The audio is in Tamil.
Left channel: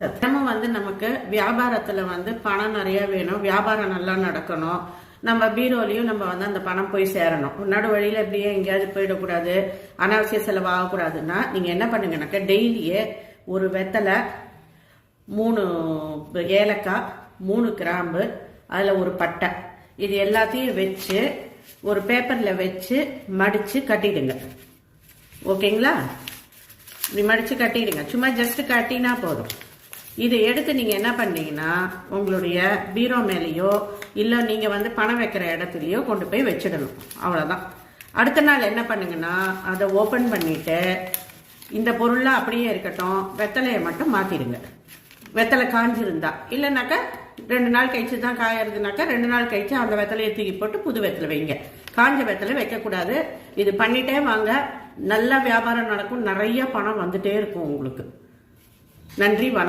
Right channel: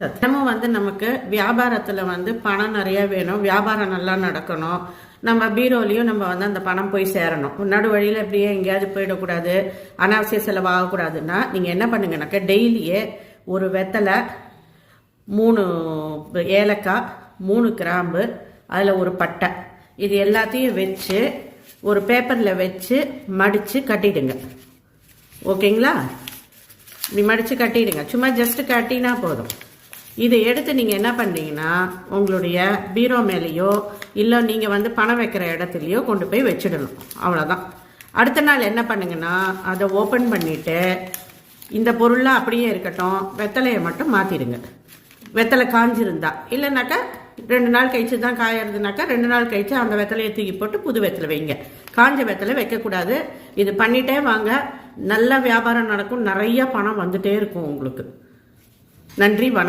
தினமும் நமக்கு வியாபாரத்துல பணம் நிறைய வேணும், வியாபாரம் நல்லா நடக்கணும், நம்ம பீரோலையும் நம்ம அந்த பணம் போய் சேரணும். நடு வழியில எப்படியே எங்கேயாவது போயிடக்கூடாது, அனாவசிய செலவு ஆகக்கூடாதுன்னா நீங்க என்ன பண்ணுங்கனாக்க டெய்லியே ஒரு வெத்தலை, 3 ஏலக்காய், 3 கிராம்பு, அதுல ஒரு பட்டை, இது எல்லாத்தையும் வச்சு ஒரு பேப்பர்ல வச்சு மடிச்சு கட்டிடுங்க. ஓகேங்களா? இப்படி மடிச்சு கட்டிடுங்க. சும்மா ஜஸ்ட் கட்டினா போதும். இதை எடுத்து நீங்க என்ன பண்ணீங்கன்னா உங்களுடைய பீரோ மேலேயோ இல்ல நீங்க பணம் வைக்கிற இடத்துலயோ கொண்டு போய் வச்சிடணும். அவ்வளவுதான். அடுத்த நாள் என்ன பண்ணுங்கன்னா அதை ஓபன் பண்ணிட்டு இந்த பொருள்லாம் அப்படியே இருக்கட்டும், வெத்தலையை மட்டும் மாத்திடுங்க. வெத்தலை காஞ்சிருந்தா, இல்லைனாக்கா 2 நாள் கழிச்சு தான் காயறதுனாக்கா 2 நாள் கழிச்சு அந்த வெத்தலையை தூக்கி போட்டு புது வெத்தலை வைங்க. காஞ்ச வெத்தலை வைக்கக்கூடாது. இது பண்ணிட்டே வாங்க, நல்ல வியாபாரம் நடக்கும், நிறைய பணம் வந்துட்டே இருக்கும் உங்களுக்கு. நன்றி.